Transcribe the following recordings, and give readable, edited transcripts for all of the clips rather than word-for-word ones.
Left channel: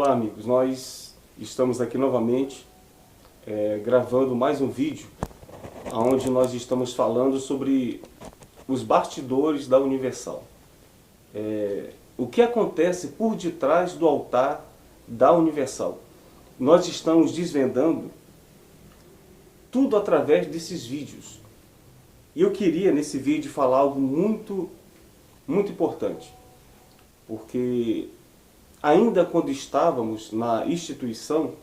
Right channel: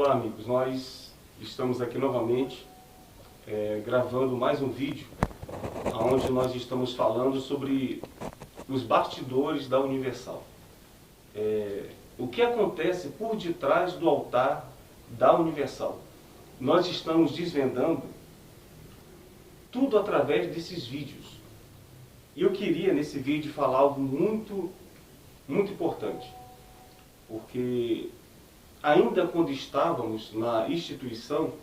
Olá amigos, nós estamos aqui novamente gravando mais um vídeo onde nós estamos falando sobre os bastidores da Universal. O que acontece por detrás do altar da Universal. Nós estamos desvendando tudo através desses vídeos. E eu queria nesse vídeo falar algo muito importante, porque ainda quando estávamos na instituição,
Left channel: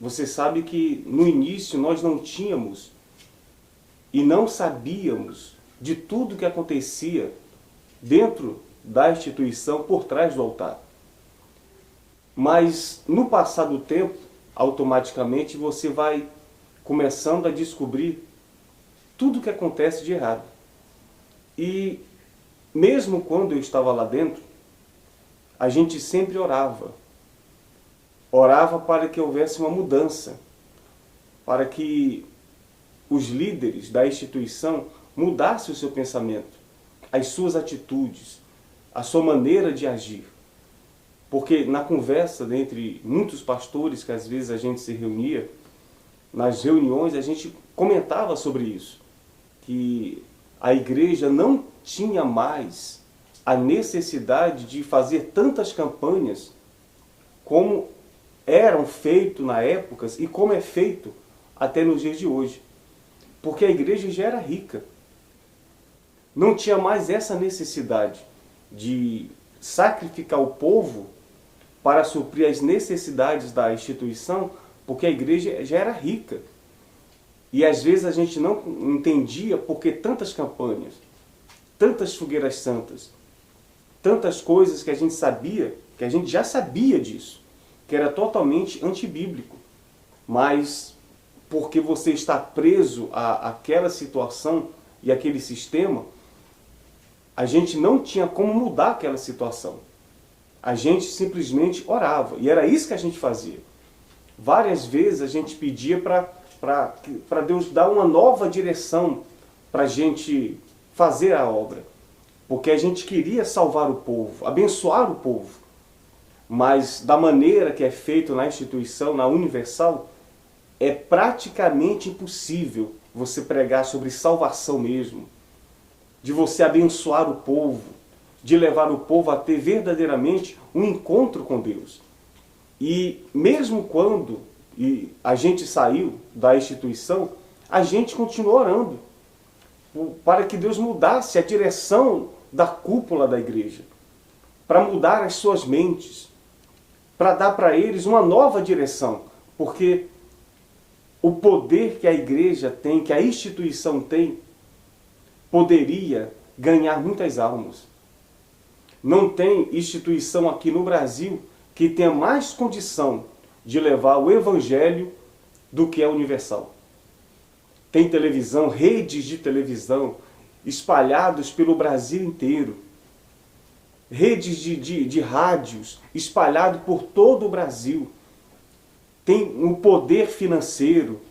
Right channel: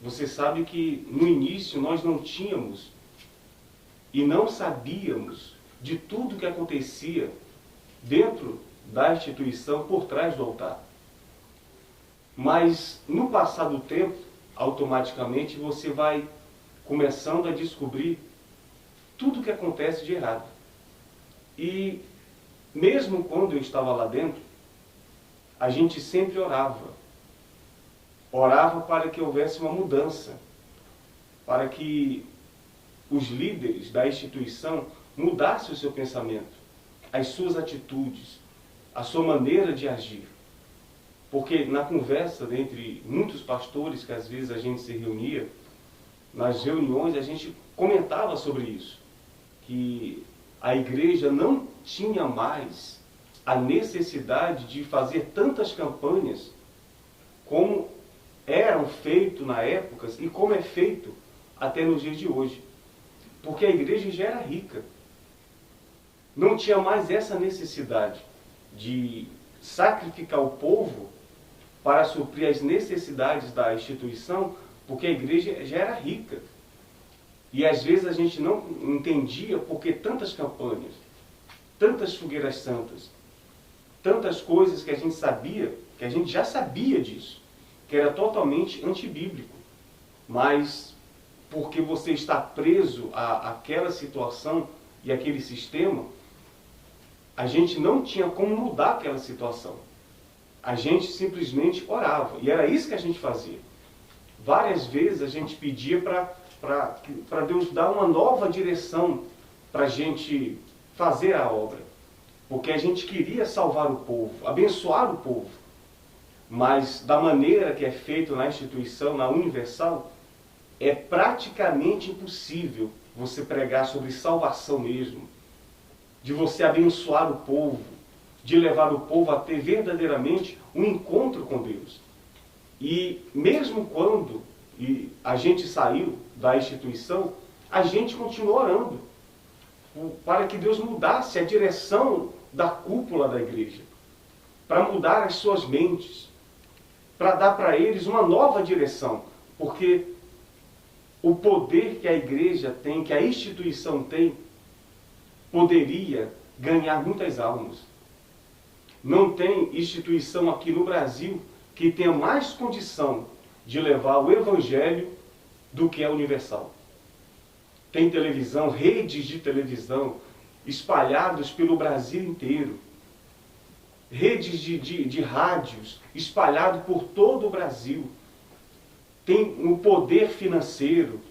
você sabe que no início nós não tínhamos e não sabíamos de tudo que acontecia dentro da instituição por trás do altar. Mas no passar do tempo, automaticamente você vai começando a descobrir tudo que acontece de errado. E mesmo quando eu estava lá dentro, a gente sempre orava. Orava para que houvesse uma mudança, para que os líderes da instituição mudassem o seu pensamento, as suas atitudes, a sua maneira de agir. Porque na conversa entre muitos pastores que às vezes a gente se reunia, nas reuniões a gente comentava sobre isso, que a igreja não tinha mais a necessidade de fazer tantas campanhas como eram feitas na época e como é feito até nos dias de hoje. Porque a igreja já era rica. Não tinha mais essa necessidade de sacrificar o povo para suprir as necessidades da instituição, porque a igreja já era rica. E às vezes a gente não entendia por que tantas campanhas, tantas fogueiras santas, tantas coisas que a gente sabia, que a gente já sabia disso, que era totalmente antibíblico. Mas porque você está preso àquela situação e àquele sistema, a gente não tinha como mudar aquela situação. A gente simplesmente orava. E era isso que a gente fazia. Várias vezes a gente pedia para Deus dar uma nova direção para a gente fazer a obra. Porque a gente queria salvar o povo, abençoar o povo. Mas da maneira que é feito na instituição, na Universal, é praticamente impossível você pregar sobre salvação mesmo, de você abençoar o povo, de levar o povo a ter verdadeiramente um encontro com Deus. E mesmo quando a gente saiu da instituição, a gente continuou orando para que Deus mudasse a direção da cúpula da igreja, para mudar as suas mentes, para dar para eles uma nova direção, porque o poder que a igreja tem, que a instituição tem, poderia ganhar muitas almas. Não tem instituição aqui no Brasil que tenha mais condição de levar o Evangelho do que a Universal. Tem televisão, redes de televisão espalhados pelo Brasil inteiro. Redes de rádios espalhados por todo o Brasil. Tem o poder financeiro,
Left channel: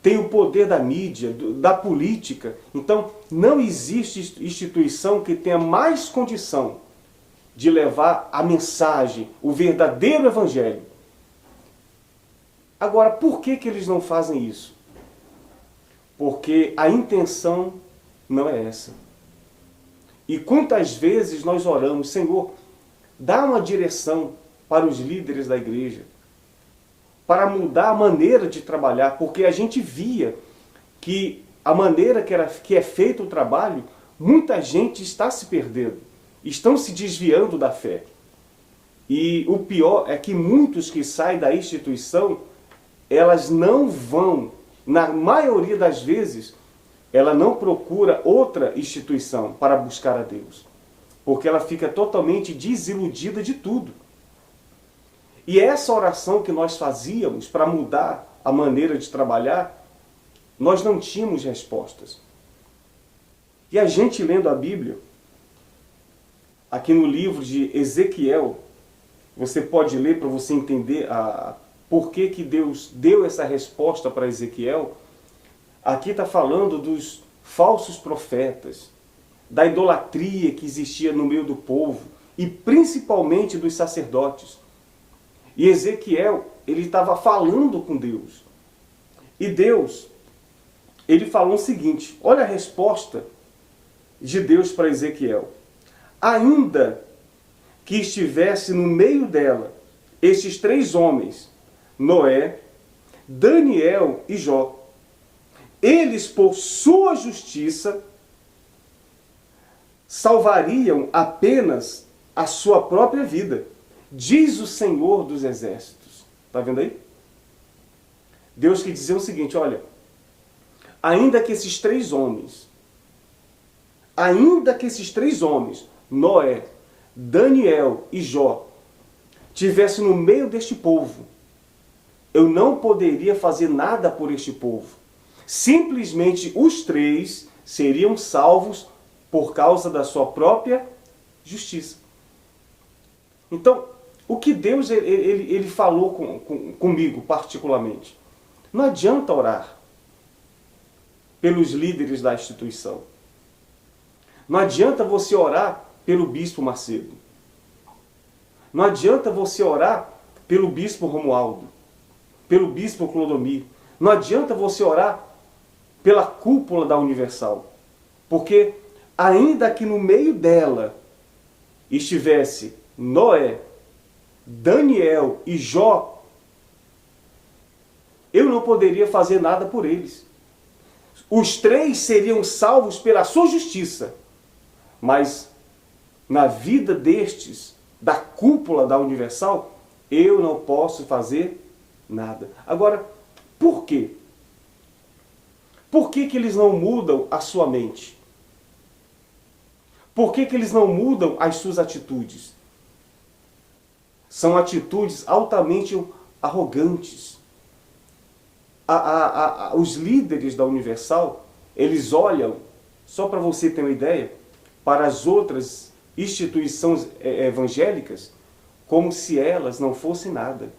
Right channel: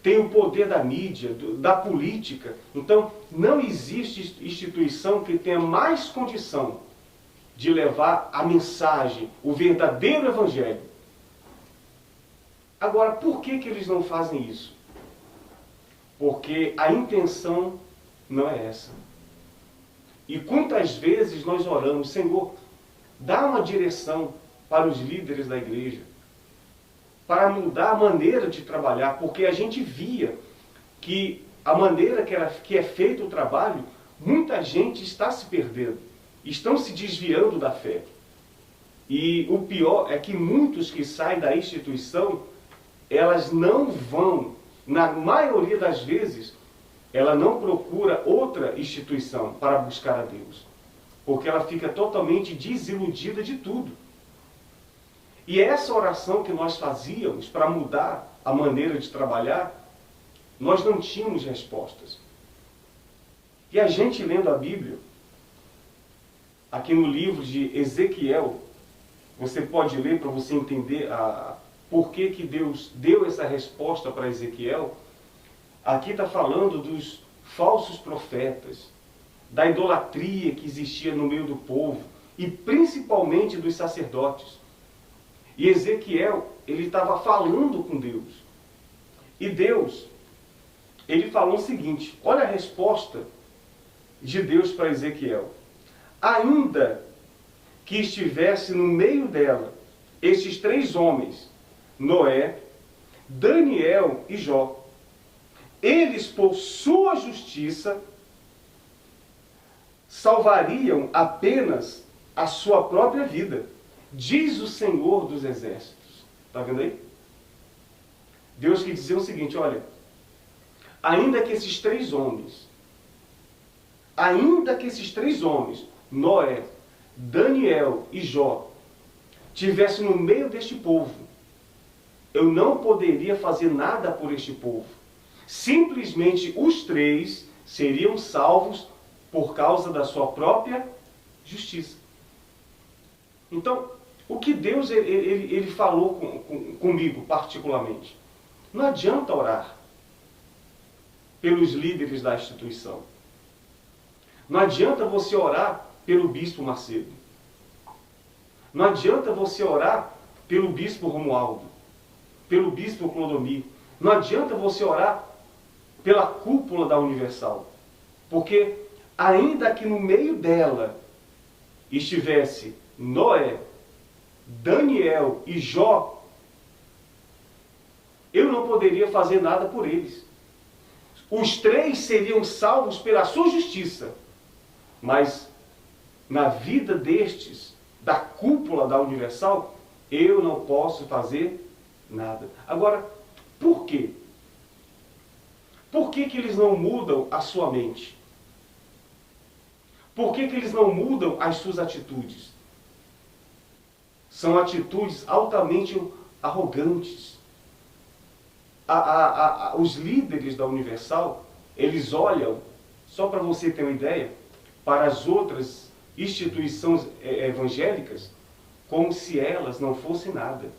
tem o poder da mídia, da política. Então, não existe instituição que tenha mais condição de levar a mensagem, o verdadeiro Evangelho. Agora, por que eles não fazem isso? Porque a intenção não é essa. E quantas vezes nós oramos, Senhor, dá uma direção para os líderes da igreja, para mudar a maneira de trabalhar, porque a gente via que a maneira que é feito o trabalho, muita gente está se perdendo, estão se desviando da fé. E o pior é que muitos que saem da instituição, elas não vão, na maioria das vezes, ela não procura outra instituição para buscar a Deus, porque ela fica totalmente desiludida de tudo. E essa oração que nós fazíamos para mudar a maneira de trabalhar, nós não tínhamos respostas. E a gente lendo a Bíblia, aqui no livro de Ezequiel, você pode ler para você entender por que Deus deu essa resposta para Ezequiel. Aqui está falando dos falsos profetas, da idolatria que existia no meio do povo, e principalmente dos sacerdotes. E Ezequiel, ele estava falando com Deus. E Deus, ele falou o seguinte, olha a resposta de Deus para Ezequiel. Ainda que estivesse no meio dela estes 3 homens, Noé, Daniel e Jó, eles por sua justiça salvariam apenas a sua própria vida, diz o Senhor dos Exércitos. Está vendo aí? Deus quer dizer o seguinte, olha, ainda que esses 3 homens, Noé, Daniel e Jó, tivessem no meio deste povo, eu não poderia fazer nada por este povo. Simplesmente os 3 seriam salvos por causa da sua própria justiça. Então, o que Deus ele falou comigo particularmente? Não adianta orar pelos líderes da instituição. Não adianta você orar pelo bispo Macedo. Não adianta você orar pelo bispo Romualdo, pelo bispo Clodomir. Não adianta você orar pela cúpula da Universal. Porque ainda que no meio dela estivesse Noé, Daniel e Jó, eu não poderia fazer nada por eles. Os 3 seriam salvos pela sua justiça. Mas na vida destes, da cúpula da Universal, eu não posso fazer nada. Agora, por quê? Por que eles não mudam a sua mente? Por que eles não mudam as suas atitudes? São atitudes altamente arrogantes. Os líderes da Universal, eles olham, só para você ter uma ideia, para as outras instituições evangélicas, como se elas não fossem nada.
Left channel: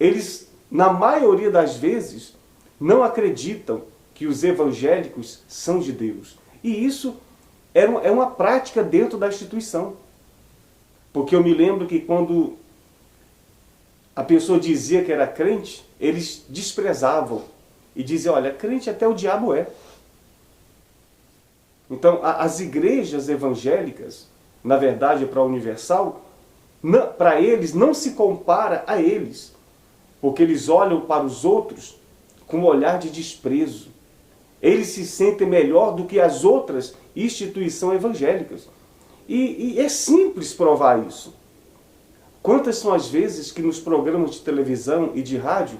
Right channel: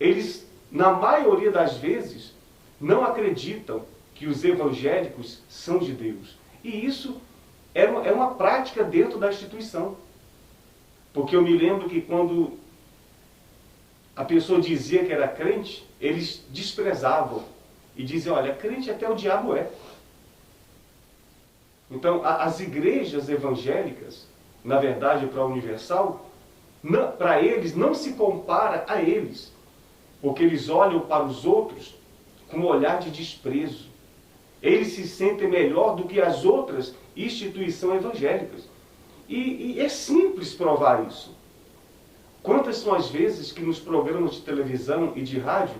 Eles, na maioria das vezes, não acreditam que os evangélicos são de Deus. E isso é uma prática dentro da instituição. Porque eu me lembro que quando a pessoa dizia que era crente, eles desprezavam. E diziam, olha, crente até o diabo é. Então, as igrejas evangélicas, na verdade, para a Universal, para eles não se compara a eles. Porque eles olham para os outros com um olhar de desprezo. Eles se sentem melhor do que as outras instituições evangélicas. E é simples provar isso. Quantas são as vezes que nos programas de televisão e de rádio,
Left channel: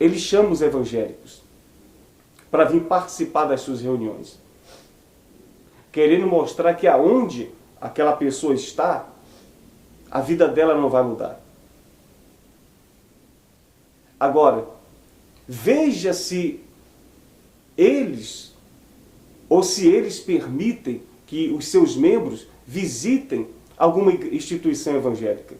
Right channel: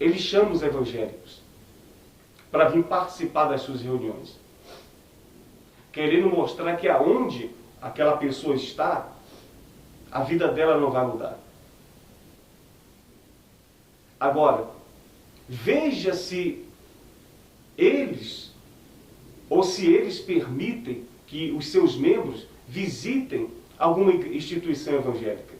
eles chamam os evangélicos para vir participar das suas reuniões, querendo mostrar que aonde aquela pessoa está, a vida dela não vai mudar. Agora, veja se eles, ou se eles permitem que os seus membros visitem alguma instituição evangélica.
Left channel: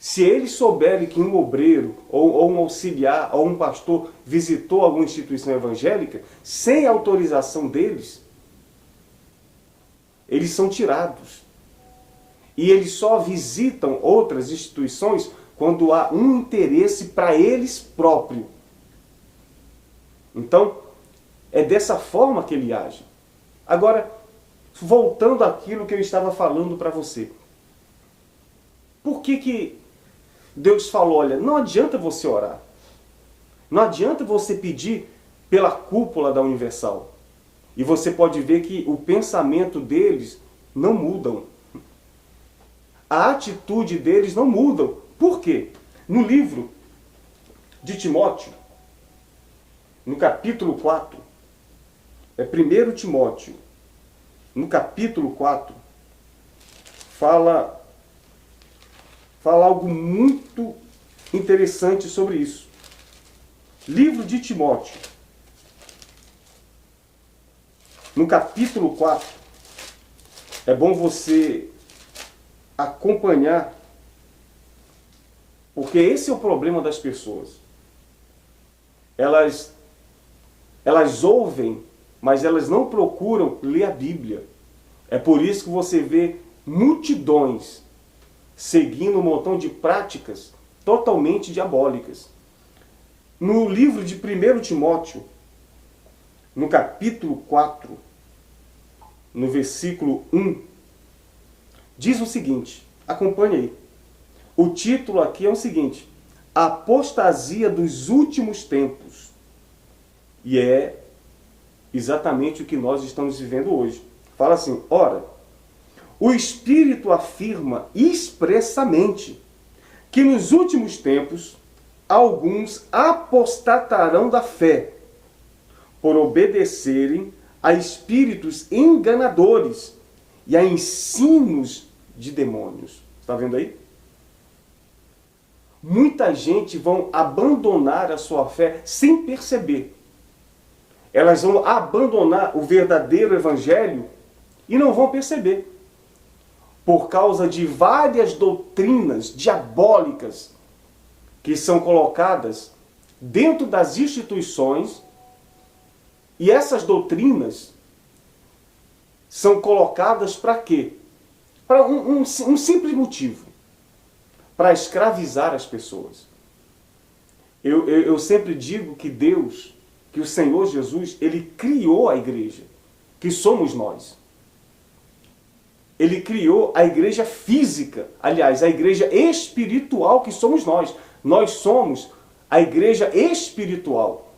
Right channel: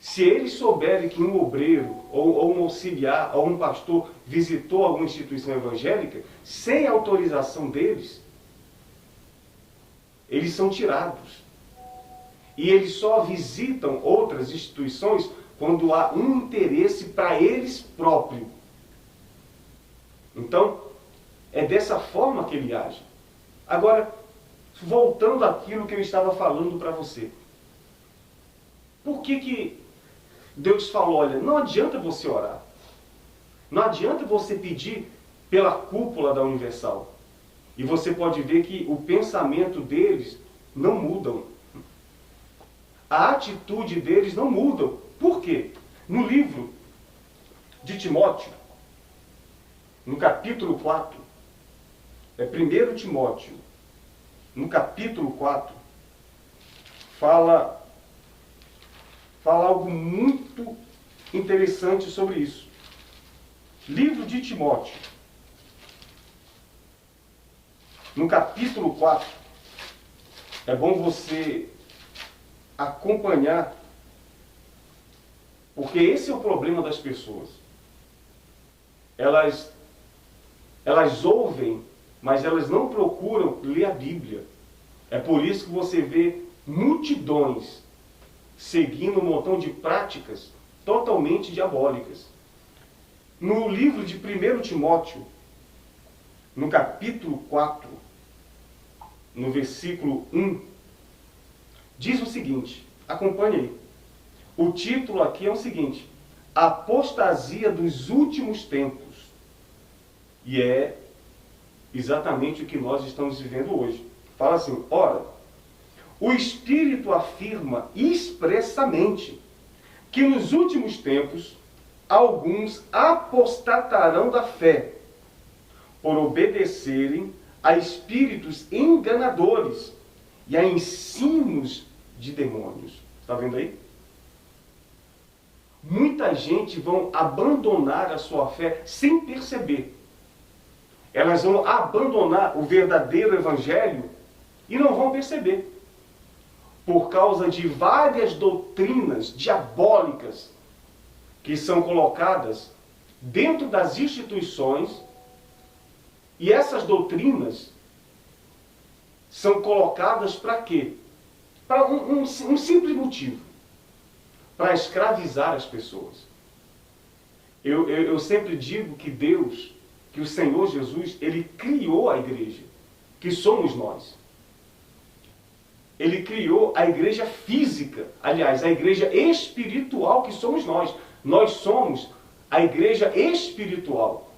Se eles souberem que um obreiro, ou um auxiliar, ou um pastor visitou alguma instituição evangélica, sem autorização deles, eles são tirados. E eles só visitam outras instituições quando há um interesse para eles próprios. Então, é dessa forma que ele age. Agora, voltando àquilo que eu estava falando para você. Por que Deus falou, olha, não adianta você orar. Não adianta você pedir pela cúpula da Universal. E você pode ver que o pensamento deles não mudam. A atitude deles não mudam. Por quê? No livro de Timóteo, no capítulo 4, é 1 Timóteo, no capítulo 4, fala algo muito interessante sobre isso. Livro de Timóteo, no capítulo 4, é bom você acompanhar, porque esse é o problema das pessoas. Elas ouvem mas elas não procuram ler a Bíblia. É por isso que você vê multidões seguindo um montão de práticas totalmente diabólicas. No livro de 1 Timóteo, no capítulo 4, no versículo 1, diz o seguinte, acompanhe aí. O título aqui é o seguinte: Apostasia dos últimos tempos. E é exatamente o que nós estamos vivendo hoje. Fala assim, ora, o Espírito afirma expressamente que nos últimos tempos alguns apostatarão da fé, por obedecerem a espíritos enganadores e a ensinos de demônios. Está vendo aí? Muita gente vão abandonar a sua fé sem perceber. Elas vão abandonar o verdadeiro evangelho e não vão perceber. Por causa de várias doutrinas diabólicas que são colocadas dentro das instituições, e essas doutrinas são colocadas para quê? Para um simples motivo: para escravizar as pessoas. Eu sempre digo que Deus, que o Senhor Jesus, Ele criou a igreja, que somos nós. Ele criou a igreja física, aliás, a igreja espiritual que somos nós. Nós somos a igreja espiritual.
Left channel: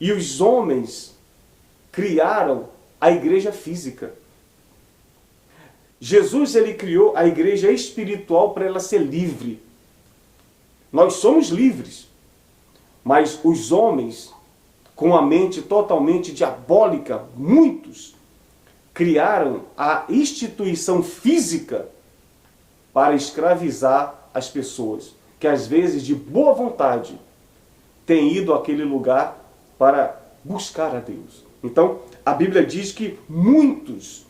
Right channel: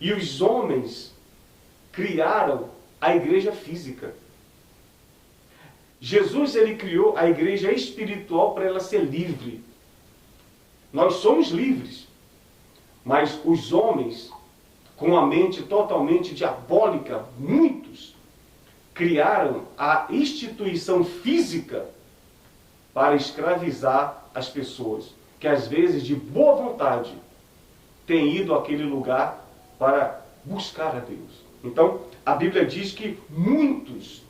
E os homens criaram a igreja física. Jesus, ele criou a igreja espiritual para ela ser livre. Nós somos livres. Mas os homens, com a mente totalmente diabólica, muitos, criaram a instituição física para escravizar as pessoas, que às vezes, de boa vontade, têm ido àquele lugar para buscar a Deus. Então, a Bíblia diz que muitos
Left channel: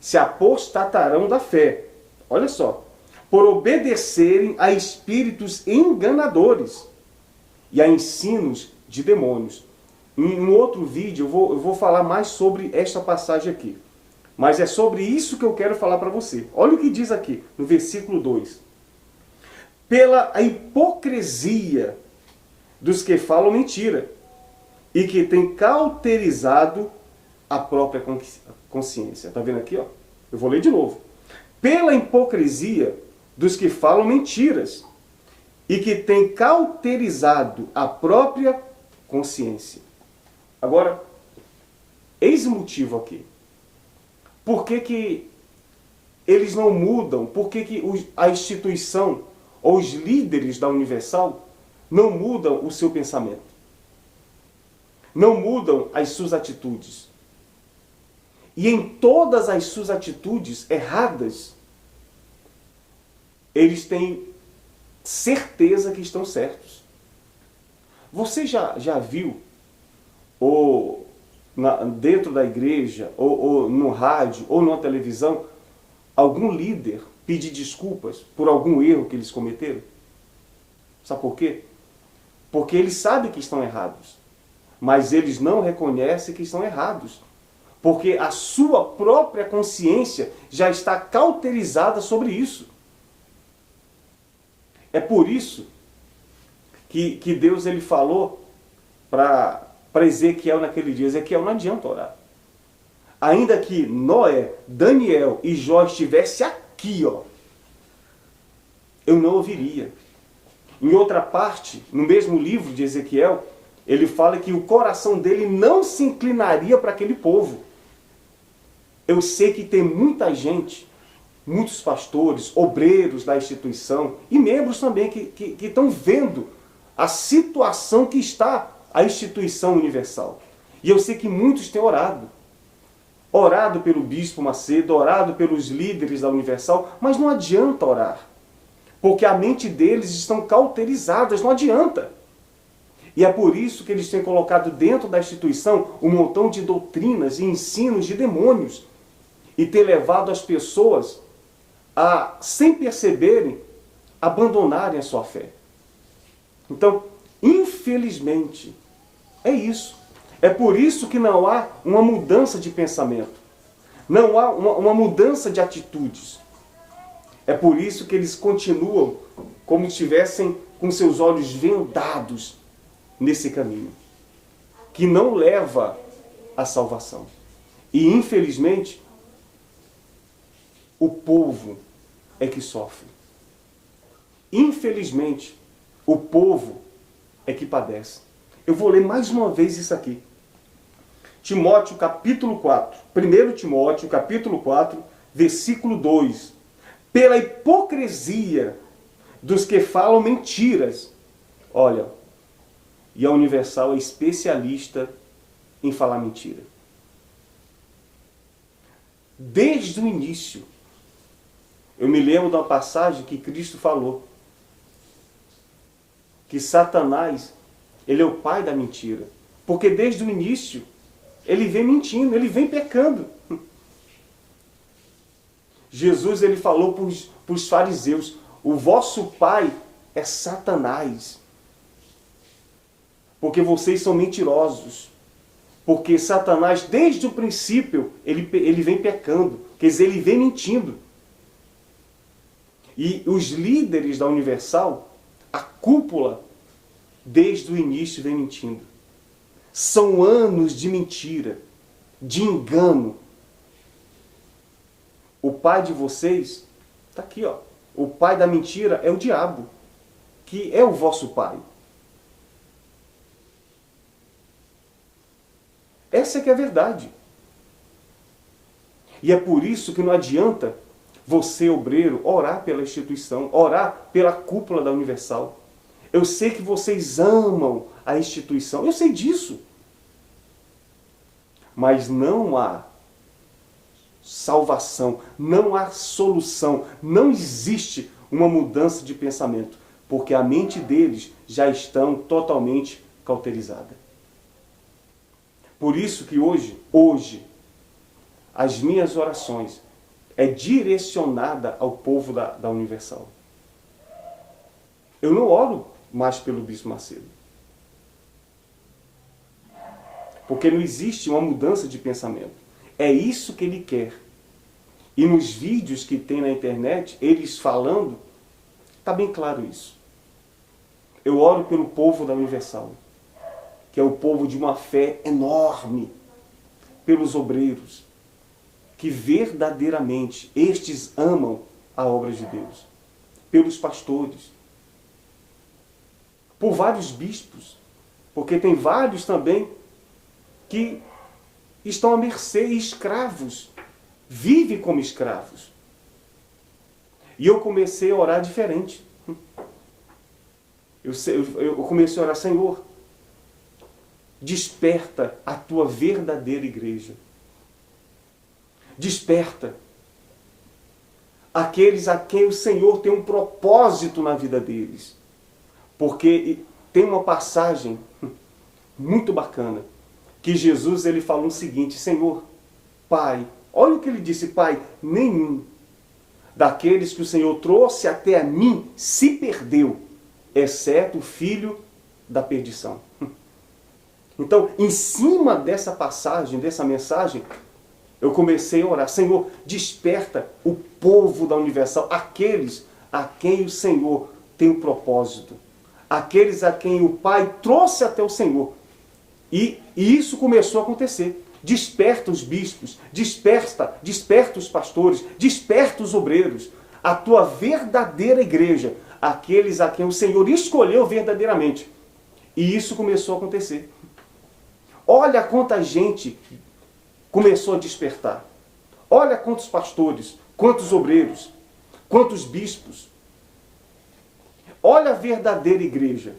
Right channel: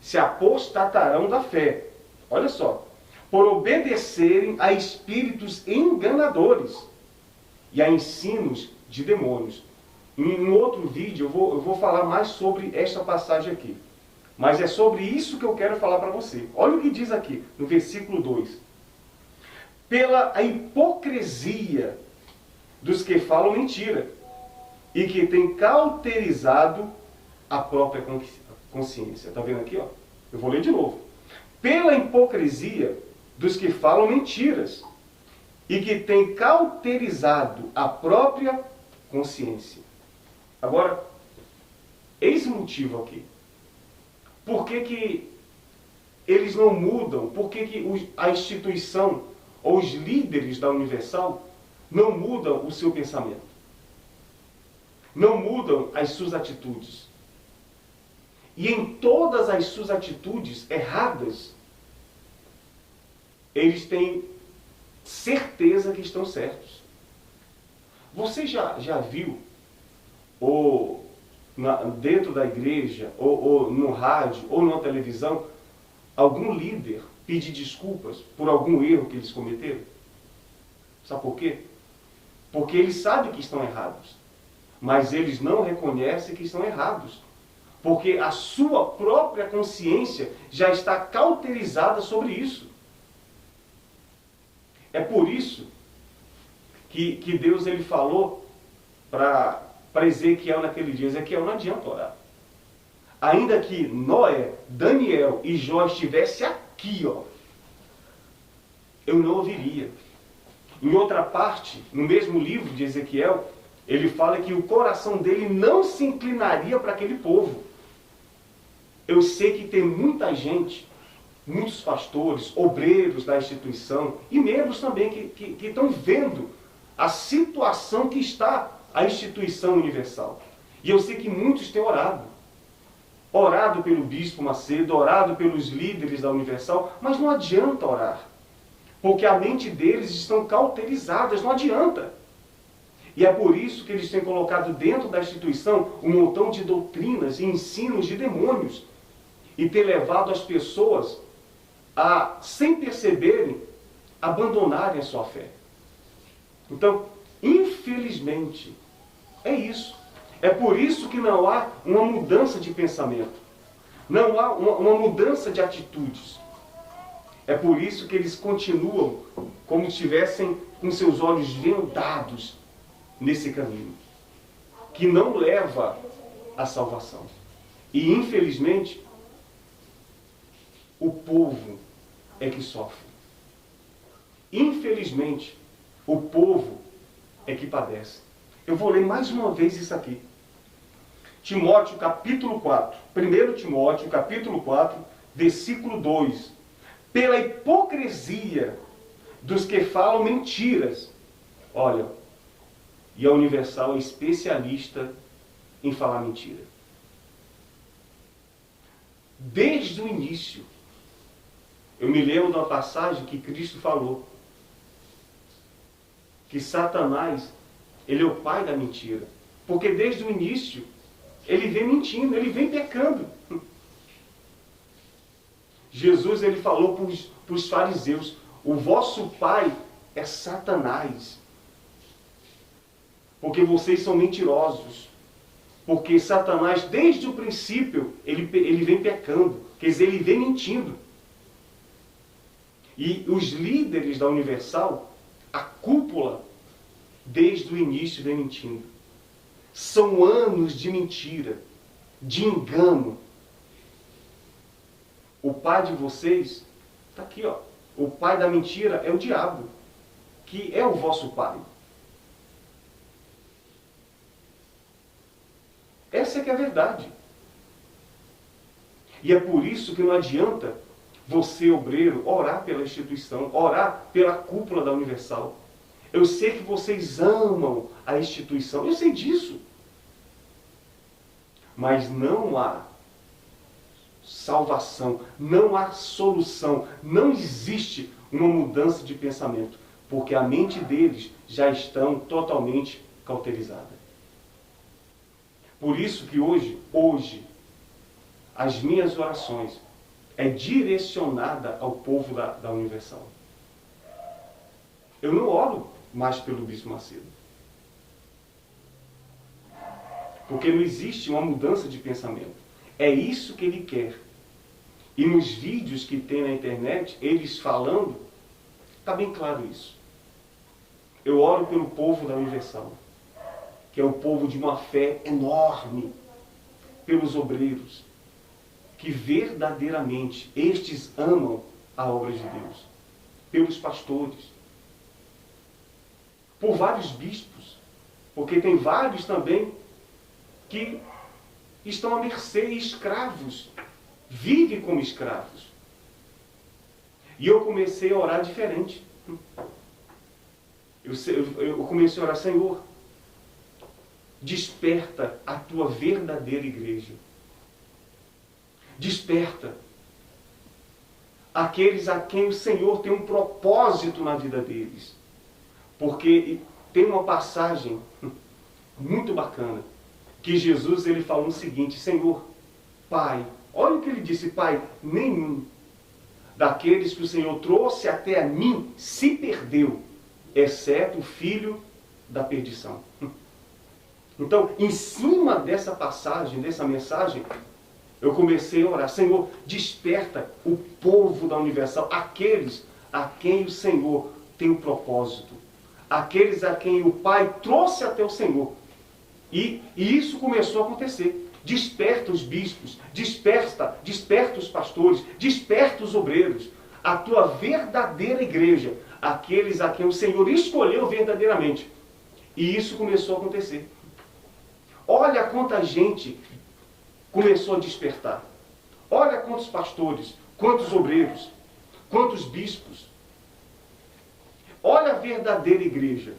se apostatarão da fé. Olha só. Por obedecerem a espíritos enganadores e a ensinos de demônios. Em um outro vídeo eu vou falar mais sobre esta passagem aqui. Mas é sobre isso que eu quero falar para você. Olha o que diz aqui, no versículo 2. Pela hipocrisia dos que falam mentira e que têm cauterizado a própria consciência. Está vendo aqui? Ó? Eu vou ler de novo. Pela hipocrisia dos que falam mentiras e que têm cauterizado a própria consciência. Agora, eis o motivo aqui. Por que eles não mudam? Por que a instituição ou os líderes da Universal não mudam o seu pensamento? Não mudam as suas atitudes? E em todas as suas atitudes erradas, eles têm certeza que estão certos. Você já viu, ou dentro da igreja, ou no rádio, ou na televisão, algum líder pedir desculpas por algum erro que eles cometeram? Sabe por quê? Porque eles sabem que estão errados, mas eles não reconhecem que estão errados. Porque a sua própria consciência já está cauterizada sobre isso. É por isso que Deus ele falou para Ezequiel naquele dia: Ezequiel, não adianta orar. Ainda que Noé, Daniel e Jó estivessem aqui, ó, eu não ouviria. Em outra parte, no mesmo livro de Ezequiel, ele fala que o coração dele não se inclinaria para aquele povo. Eu sei que tem muita gente, muitos pastores, obreiros da instituição e membros também que estão vendo a situação que está a instituição universal. E eu sei que muitos têm orado. Orado pelo Bispo Macedo, orado pelos líderes da Universal, mas não adianta orar. Porque a mente deles estão cauterizadas, não adianta. E é por isso que eles têm colocado dentro da instituição um montão de doutrinas e ensinos de demônios. E ter levado as pessoas a, sem perceberem, abandonarem a sua fé. Então, infelizmente, é isso. É por isso que não há uma mudança de pensamento. Não há uma mudança de atitudes. É por isso que eles continuam como se estivessem com seus olhos vendados nesse caminho, que não leva à salvação. E, infelizmente, o povo é que sofre. Infelizmente, o povo é que padece. Eu vou ler mais uma vez isso aqui. Timóteo, capítulo 4. 1 Timóteo, capítulo 4, versículo 2. Pela hipocrisia dos que falam mentiras. Olha, e a Universal é especialista em falar mentira. Desde o início, eu me lembro de uma passagem que Cristo falou, que Satanás, ele é o pai da mentira. Porque desde o início, ele vem mentindo, ele vem pecando. Jesus, ele falou para os fariseus, o vosso pai é Satanás. Porque vocês são mentirosos. Porque Satanás, desde o princípio, ele vem pecando. Quer dizer, ele vem mentindo. E os líderes da Universal, a cúpula, desde o início vem mentindo. São anos de mentira, de engano. O pai de vocês, está aqui, ó. O pai da mentira é o diabo, que é o vosso pai. Essa é que é a verdade. E é por isso que não adianta você, obreiro, orar pela instituição, orar pela cúpula da Universal. Eu sei que vocês amam a instituição, eu sei disso. Mas não há salvação, não há solução, não existe uma mudança de pensamento, porque a mente deles já estão totalmente cauterizada. Por isso que hoje, as minhas orações é direcionada ao povo da Universal. Eu não oro mais pelo Bispo Macedo. Porque não existe uma mudança de pensamento. É isso que ele quer. E nos vídeos que tem na internet, eles falando, está bem claro isso. Eu oro pelo povo da Universal, que é o povo de uma fé enorme, pelos obreiros, que verdadeiramente estes amam a obra de Deus, pelos pastores, por vários bispos, porque tem vários também que estão à mercê, escravos, vivem como escravos. E eu comecei a orar diferente. Eu comecei a orar, Senhor, desperta a tua verdadeira igreja. Desperta aqueles a quem o Senhor tem um propósito na vida deles. Porque tem uma passagem muito bacana, que Jesus ele falou o seguinte, Senhor, Pai, olha o que ele disse, Pai, nenhum daqueles que o Senhor trouxe até a mim se perdeu, exceto o filho da perdição. Então, em cima dessa passagem, dessa mensagem, eu comecei a orar, Senhor, desperta o povo da Universal, aqueles a quem o Senhor tem um propósito, aqueles a quem o Pai trouxe até o Senhor. E isso começou a acontecer. Desperta os bispos, desperta os pastores, desperta os obreiros, a tua verdadeira igreja, aqueles a quem o Senhor escolheu verdadeiramente. E isso começou a acontecer. Olha quanta gente começou a despertar. Olha quantos pastores, quantos obreiros, quantos bispos. Olha a verdadeira igreja.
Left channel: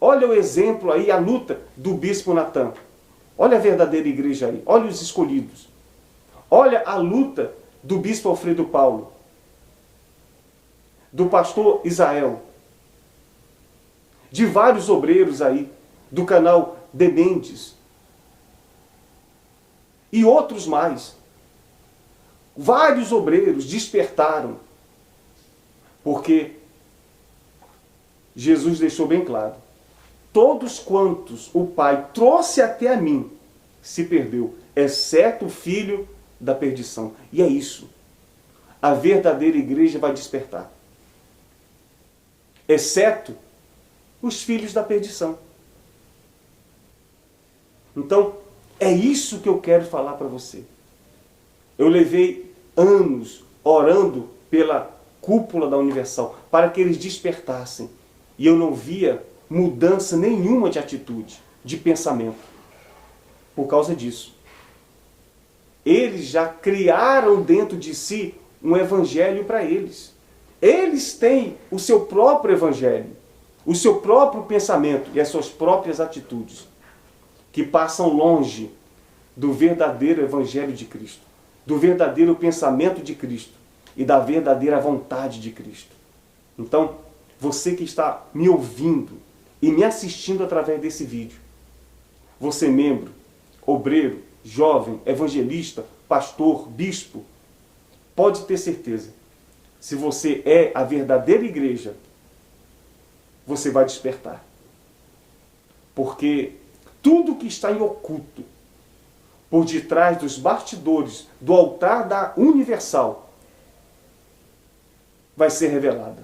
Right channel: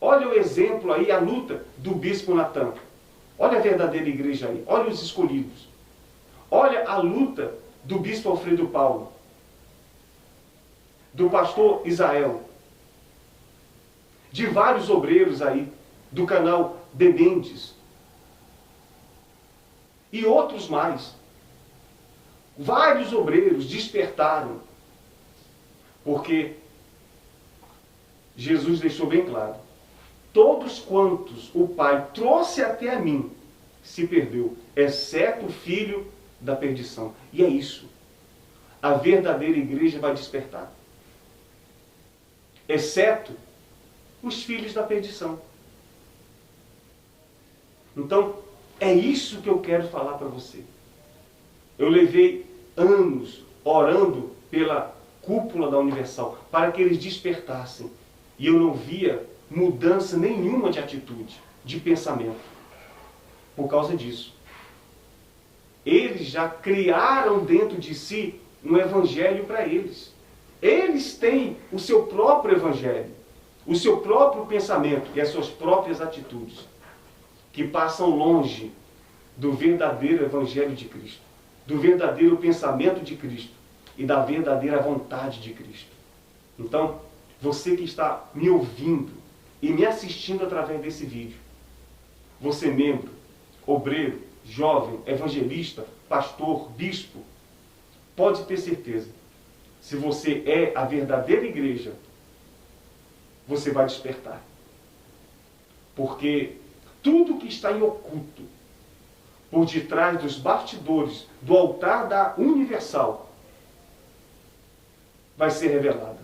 Olha o exemplo aí, a luta do bispo Natan. Olha a verdadeira igreja aí. Olha os escolhidos. Olha a luta do bispo Alfredo Paulo. Do pastor Israel. De vários obreiros aí. Do canal De Mendes. E outros mais. Vários obreiros despertaram. Porque Jesus deixou bem claro. todos quantos o Pai trouxe até a mim se perdeu, exceto o filho da perdição. E é isso. A verdadeira igreja vai despertar. Exceto os filhos da perdição. Então, é isso que eu quero falar para você. Eu levei anos orando pela cúpula da Universal para que eles despertassem. E eu não via mudança nenhuma de atitude, de pensamento. Por causa disso. Eles já criaram dentro de si um evangelho para eles. Eles têm o seu próprio evangelho, o seu próprio pensamento e as suas próprias atitudes, que passam longe do verdadeiro evangelho de Cristo, do verdadeiro pensamento de Cristo e da verdadeira vontade de Cristo. Então, você que está me ouvindo e me assistindo através desse vídeo, você membro, obreiro, jovem, evangelista, pastor, bispo, pode ter certeza, se você é a verdadeira igreja, você vai despertar. Porque tudo que está em oculto, por detrás dos bastidores do altar da Universal, vai ser revelado.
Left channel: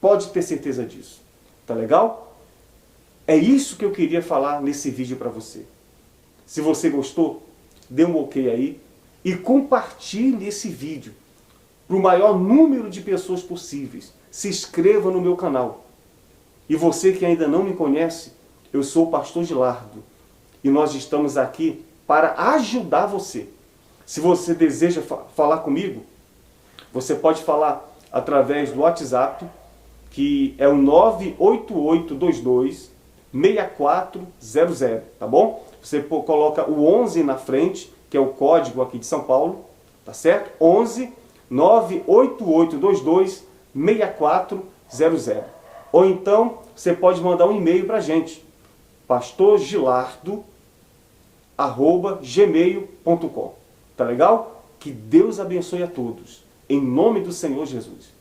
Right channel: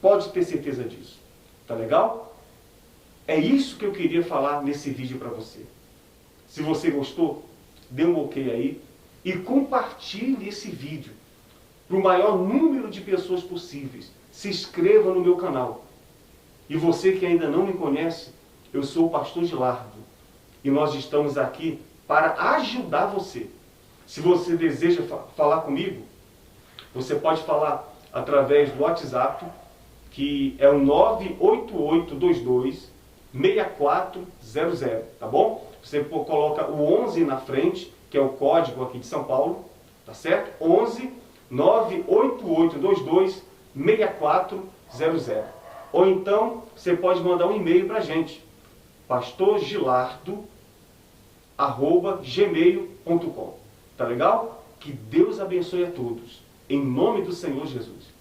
Pode ter certeza disso. Tá legal? É isso que eu queria falar nesse vídeo para você. Se você gostou, dê um ok aí e compartilhe esse vídeo para o maior número de pessoas possíveis. Se inscreva no meu canal. E você que ainda não me conhece, eu sou o pastor Gilardo. E nós estamos aqui para ajudar você. Se você deseja falar comigo, você pode falar através do WhatsApp, que é o 98822-6400, tá bom? Você coloca o 11 na frente, que é o código aqui de São Paulo, tá certo? 11 98822-6400. Ou então, você pode mandar um e-mail para a gente, pastorgilardo@gmail.com. Tá legal? Que Deus abençoe a todos. Em nome do Senhor Jesus.